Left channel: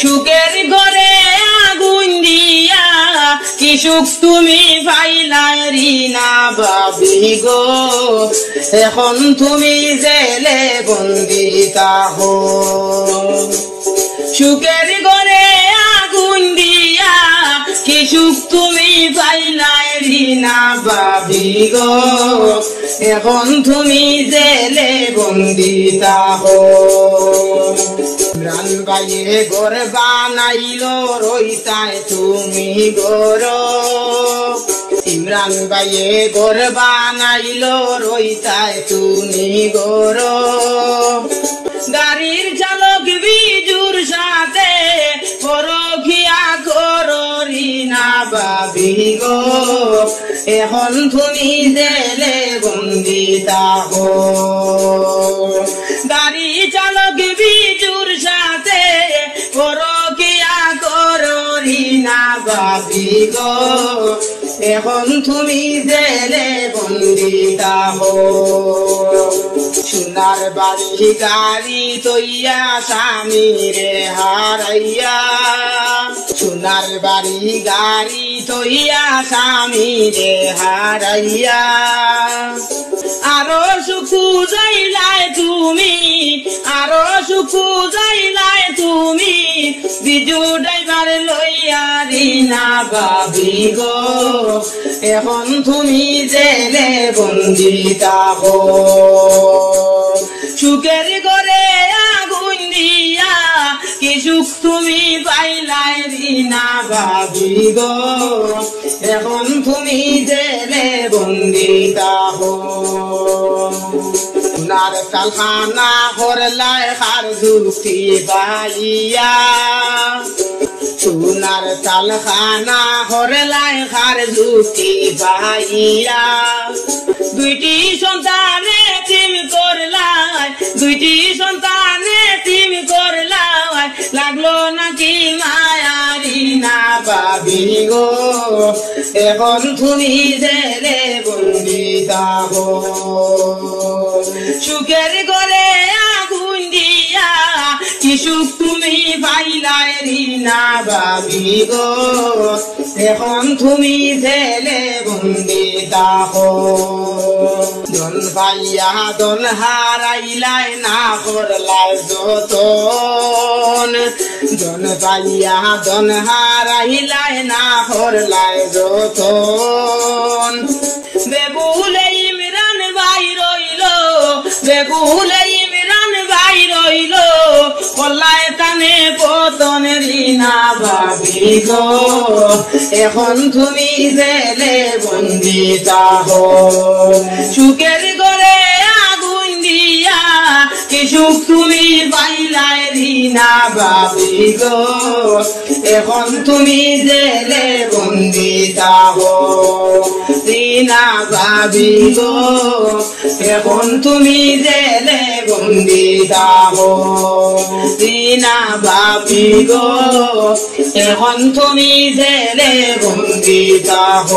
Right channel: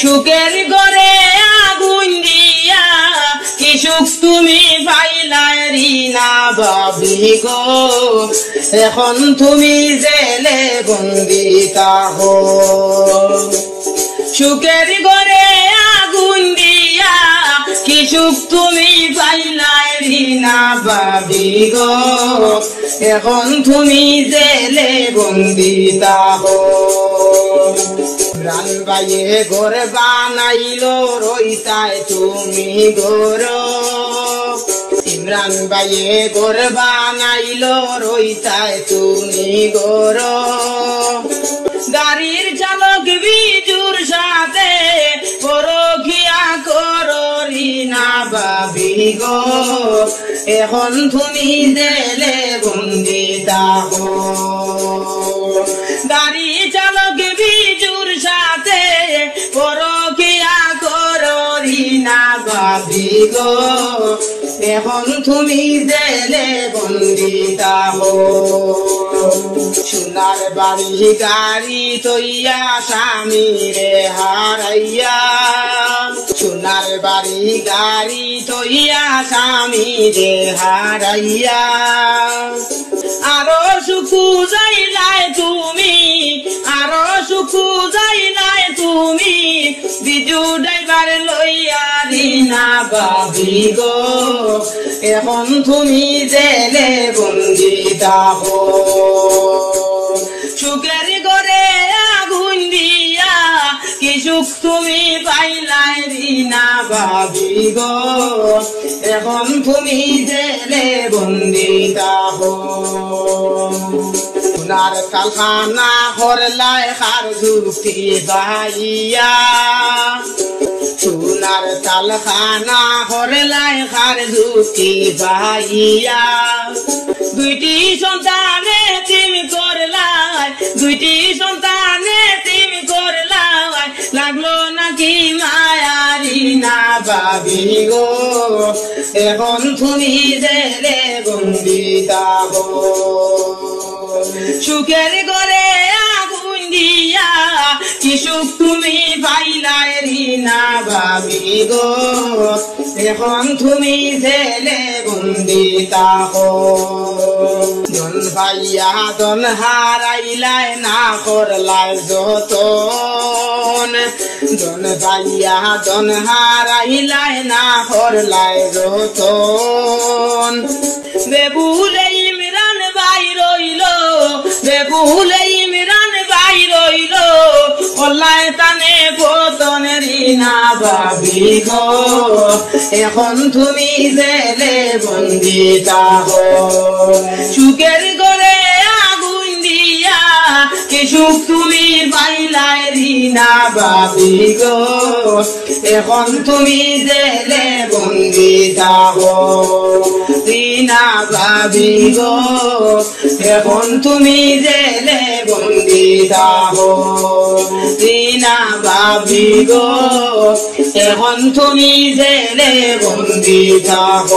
সুখের ঘরে আগুন দিয়া কি সুখ তুমি পাইলাই রিনা বাবি গো, এখন তুমি জেলে বন্দি তাহ। সুখের ঘরে আগুন দিয়া কি সুখ তুমি পাইলাই রিনা বাবি গো, এখন তুমি জেলে বন্দি তাহ। ইমরান ভাইয়ে ঘর বানাইলো রইতায় তুমি ঘর, ইমরান ভাইয়ে ঘর বানাইলো রইতায় তুমি ঘর। গাড়ির চালক বিজুর সাথে পরখিয়া করো রিনা বাবি গো, এখন তুমি জেলে বন্দি তাহ। গাড়ি চালক বিজুর সাথে পরখিয়া করো রিনা বাবি গো, এখন তুমি জেলে বন্দি তাহ। সোনার বাড়ি গাড়ি তৈয়া স্বামী রে হারাইয়া, সোনার বাড়ি গাড়ি তৈয়া স্বামী রে হারাইয়া। আরো সুখু যাইলাই তুমি, আরো সুখু যাইলাই তুমি, বিজু ড্রাইভার লইয়া রিনা বাবি গো, এখন তুমি জেলে বন্দি তাহ। সুখের ঘরে আগুন দিয়া কি সুখ তুমি পাইলাই রিনা বাবি গো, এখন তুমি জেলে বন্দি তাহ। সোনার কারখানা হরলাই হার দুঃখী পাইয়া, সোনার কারখানা হরলাই হার দুঃখী পাইয়া। দুইটি সন্তানে তুমি করলাই, দুইটি সন্তানে তুমি করলাই, লাগলো নাকি মায়া রিনা বাবি গো, এখন তুমি জেলে বন্দি তাহ। সুখের ঘরে আগুন দিয়া কি সুখ তুমি পাইলাই রিনা বাবি গো, এখন তুমি জেলে বন্দি তাহ। জন ভাইয়া দন হারাইলাই না করলাই যতন, জন ভাইয়া দন হারাইলাই না করলাই যতন। বেবুলে ইমরান ভাই রইলো, বেবুলে ইমরান ভাই রইলো, কল্লায় তানে পতন রিনা বাবি গো, এখন তুমি জেলে বন্দি তাহ। সুখের ঘরে আগুন দিয়া কি সুখ তুমি পাইলাই রিনা বাবি গো, এখন তুমি জেলে বন্দি তাহ। রিনা বাবি গো, এখন তুমি জেলে বন্দি তাহ। রিনা বাবি গো, এখন তুমি জেলে বন্দি তাহ।